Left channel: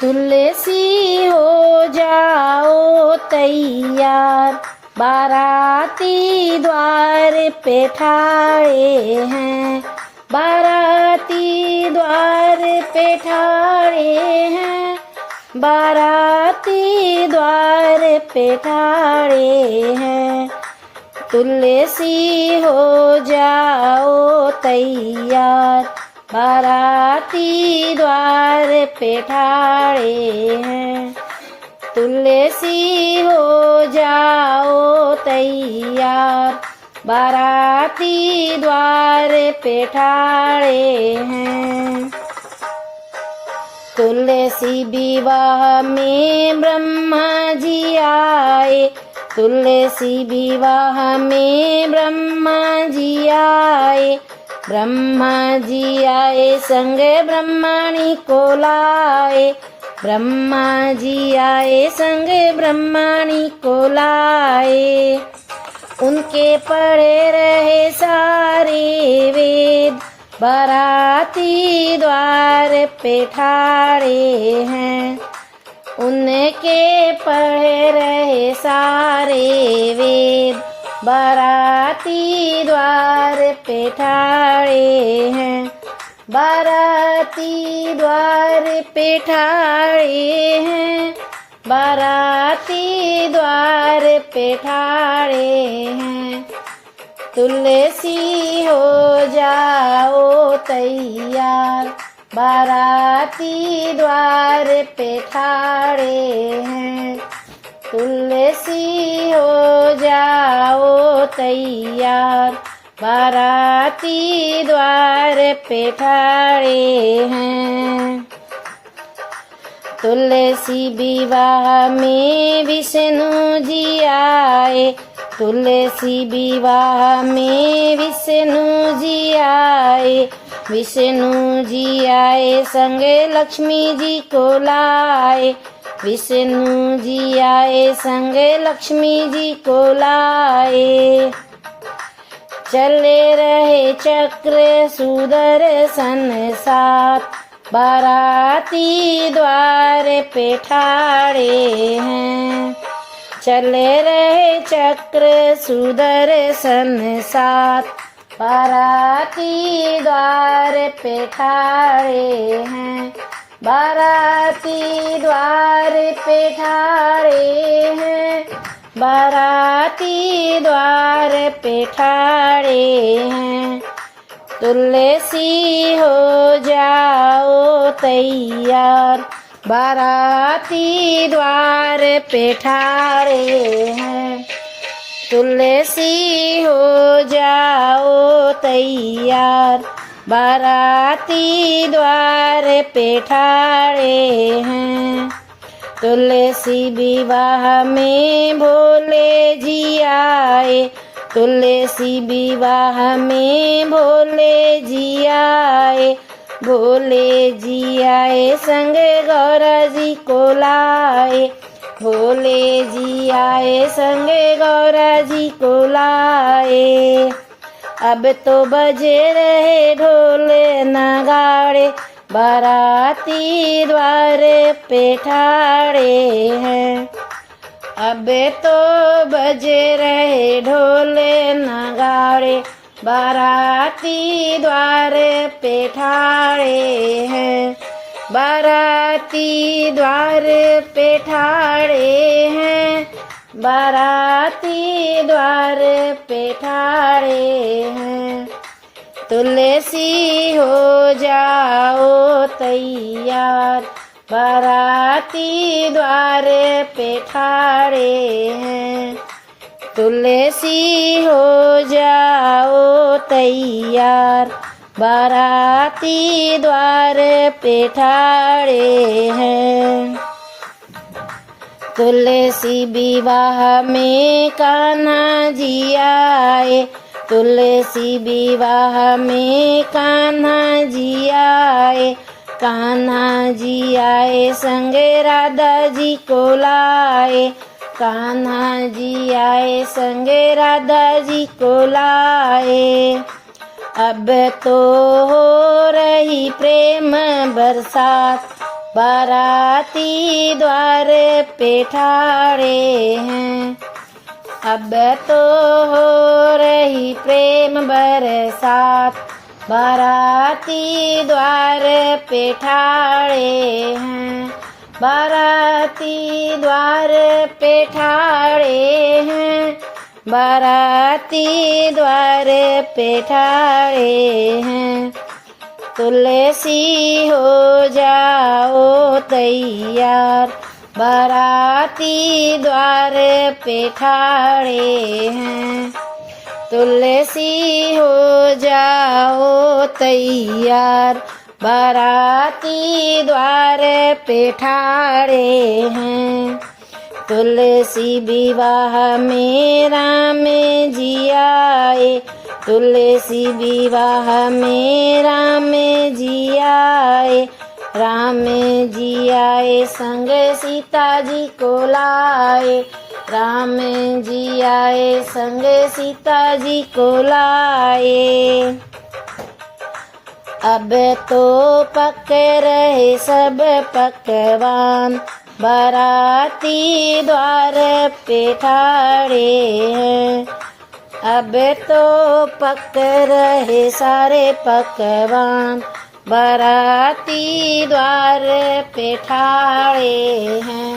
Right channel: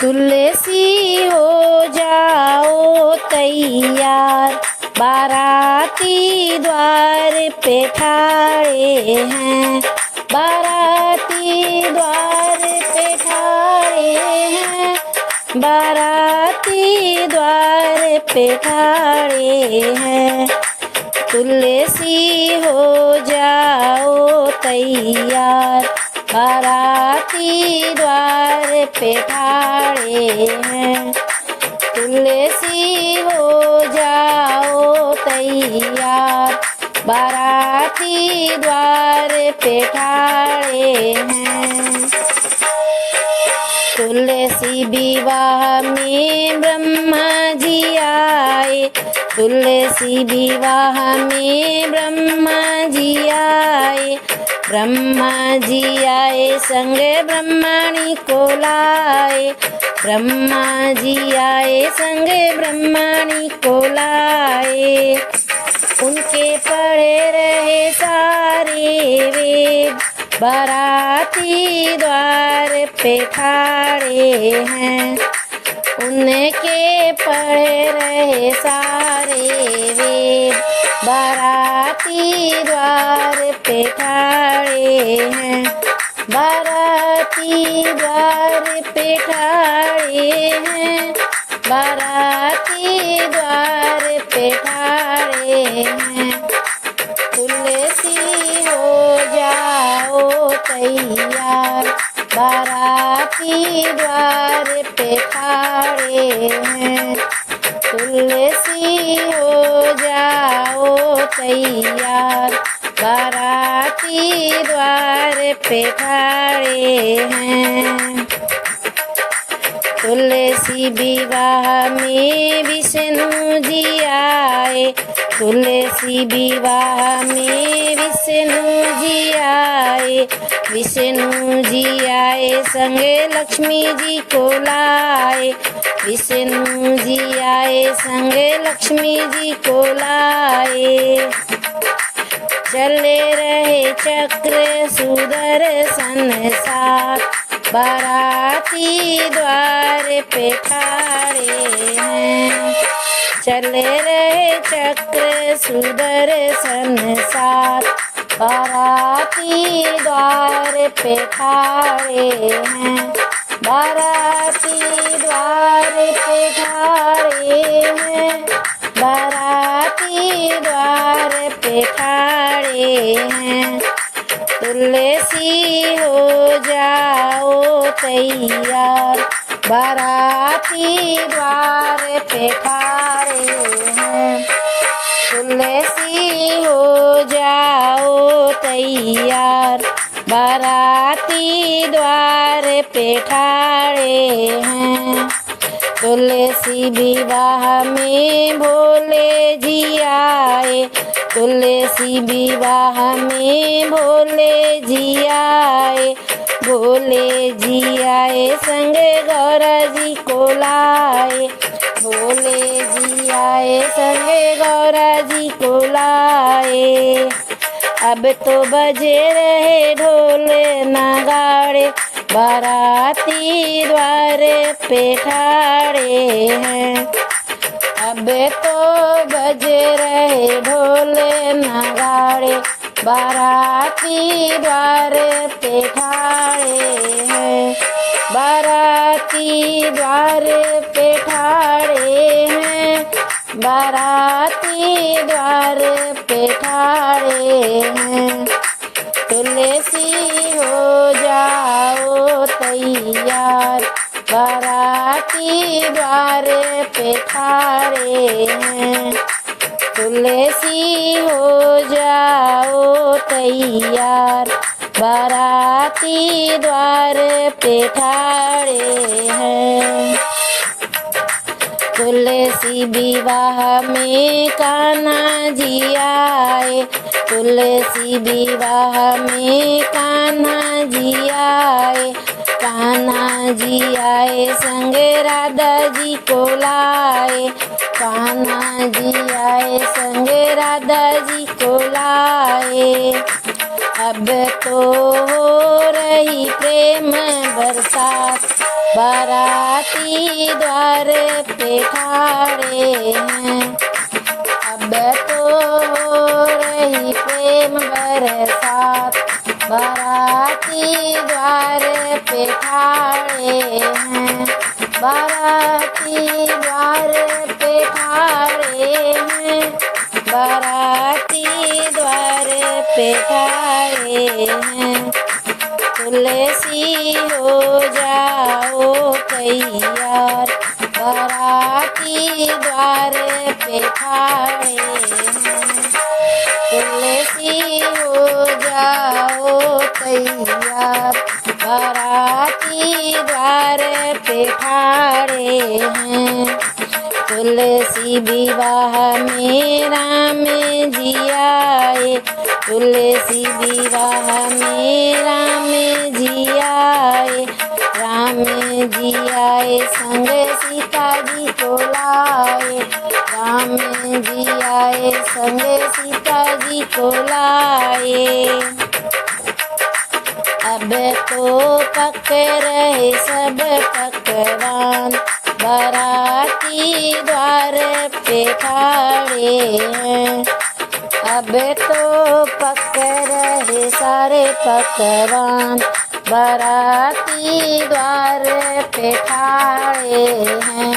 तुलसी हो जाओ तैयार, बाराती द्वार पे ठाड़े हैं, बाराती द्वार पे ठाड़े हैं, बाराती द्वार पे ठाड़े हैं। तुलसी हो जाओ तैयार, बाराती द्वार पे ठाड़े हैं। तुलसी हो जाओ तैयार, बाराती द्वार पे ठाड़े हैं। तुलसी विवाह में ब्रह्मा जी आए, तुलसी विवाह में ब्रह्मा जी आए, ब्रह्मा जी आए संग ब्रह्मणी को लाए, ब्रह्मा जी आए संग ब्रह्मणी को लाए। उनके पढ़े रहे सारे वेद, बाराती द्वार पे ठाड़े हैं। उनके पढ़े रहे सारे वेद, बाराती द्वार पे ठाड़े हैं, बाराती द्वार पे ठाड़े हैं, बाराती द्वार पे ठाड़े हैं। तुलसी हो जाओ तैयार, बाराती द्वार पे ठाड़े हैं। तुलसी हो जाओ तैयार, बाराती द्वार पे ठाड़े हैं। तुलसी विवाह में विष्णु जी आए, तुलसी विवाह में विष्णु जी आए, विष्णु जी आए संगे लक्ष्मी जी को लाए, विष्णु जी आए संगे लक्ष्मी जी को लाए। चले रहे चक्र सुदर्शन साथ, बाराती द्वार पे ठाड़े हैं। चले रहे चक्र सुदर्शन साथ, बाराती द्वार पे ठाड़े हैं, बाराती द्वार पे ठाड़े हैं, बाराती द्वार पे ठाड़े हैं। तुलसी हो जाओ तैयार, बाराती द्वार पे ठाड़े हैं। तुलसी हो जाओ तैयार, बाराती द्वार पे ठाड़े हैं। तुलसी विवाह में भोले जी आए, तुलसी विवाह में भोले जी आए, भोले जी आए संग गौरा जी को लाए, भोले जी आए संग गौरा जी को लाए। अब तो बजे रहे ढोल नगाड़े, बाराती द्वार पे ठाड़े हैं। अब तो बजे रहे ढोल नगाड़े, बाराती द्वार पे ठाड़े हैं, बाराती द्वार पे ठाड़े हैं, बाराती द्वार पे ठाड़े हैं। तुलसी हो जाओ तैयार, बाराती द्वार पे ठाड़े हैं। तुलसी हो जाओ तैयार, बाराती द्वार पे ठाड़े हैं। तुलसी विवाह में कान्हा जी आए, तुलसी विवाह में कान्हा जी आए, कान्हा जी आए संग राधा जी को लाए, कान्हा जी आए संग राधा जी को लाए। अब तो हो रही प्रेम बरसात, बाराती द्वार पे ठाड़े हैं। अब तो हो रही प्रेम बरसात, बाराती द्वार पे ठाड़े हैं। बाराती द्वार पे ठाड़े हैं, बाराती द्वार पे ठाड़े हैं। तुलसी हो जाओ तैयार, बाराती द्वार पे ठाड़े हैं। तुलसी हो जाओ तैयार, बाराती द्वार पे ठाड़े हैं। तुलसी विवाह में राम जी आए, तुलसी विवाह में राम जी आए। राम जी आए संग सीता जी को लाए, राम जी आए संग सीता जी को लाए। अब तो पक रहे सब पकवान, बाराती द्वार पे ठाड़े हैं। अब तो पक रहे सारे पकवान, बाराती द्वार पे ठाड़े हैं।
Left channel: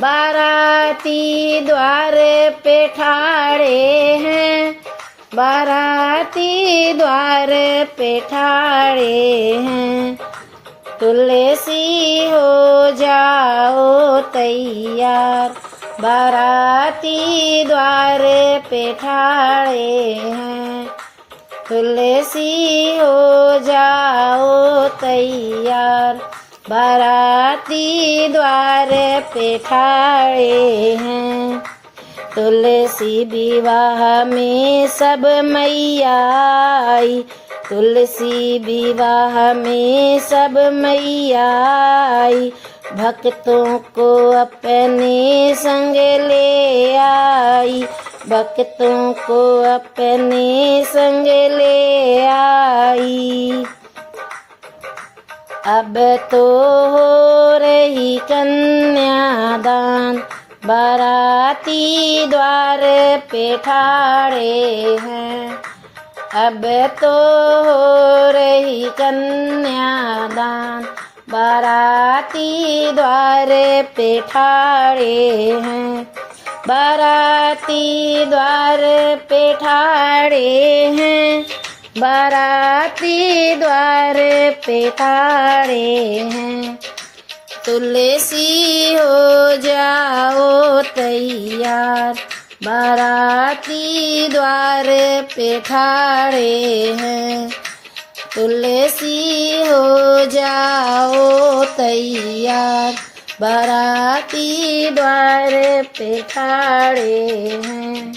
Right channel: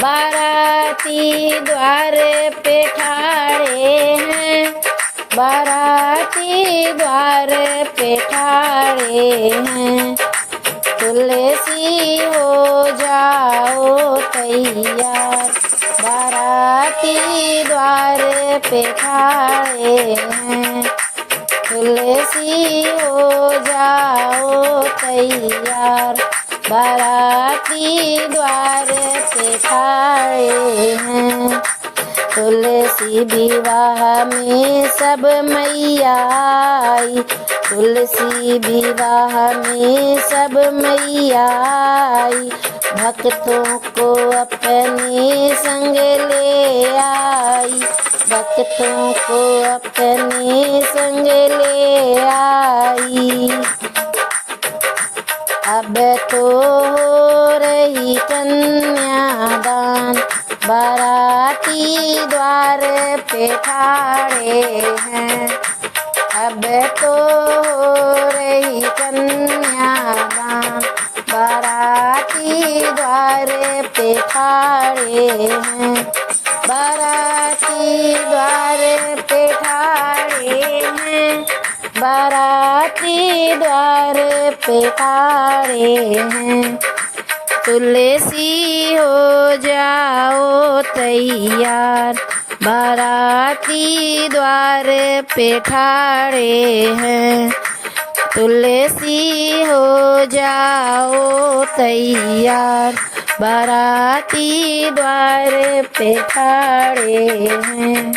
बाराती द्वार पे ठाड़े हैं, बाराती द्वार पे ठाड़े हैं। तुलसी हो जाओ तैयार, बाराती द्वार पे ठाड़े हैं। तुलसी हो जाओ तैयार, बाराती द्वार पे ठाड़े हैं। तुलसी विवाह में सब मैया आई, तुलसी विवाह में सब मैया आई। भक्तों को अपने संग ले आई, भक्तों को अपने संग ले आई। अब तो हो रही कन्यादान, बाराती द्वार पे ठाड़े हैं। अब तो हो रही कन्यादान, बाराती द्वार पे ठाड़े हैं। बाराती द्वार पे ठाड़े हैं, बाराती द्वार पे ठाड़े हैं। तुलसी हो जाओ तैयार, बाराती द्वार पे ठाड़े हैं। तुलसी हो जाओ तैयार, बाराती द्वार पे ठाड़े हैं।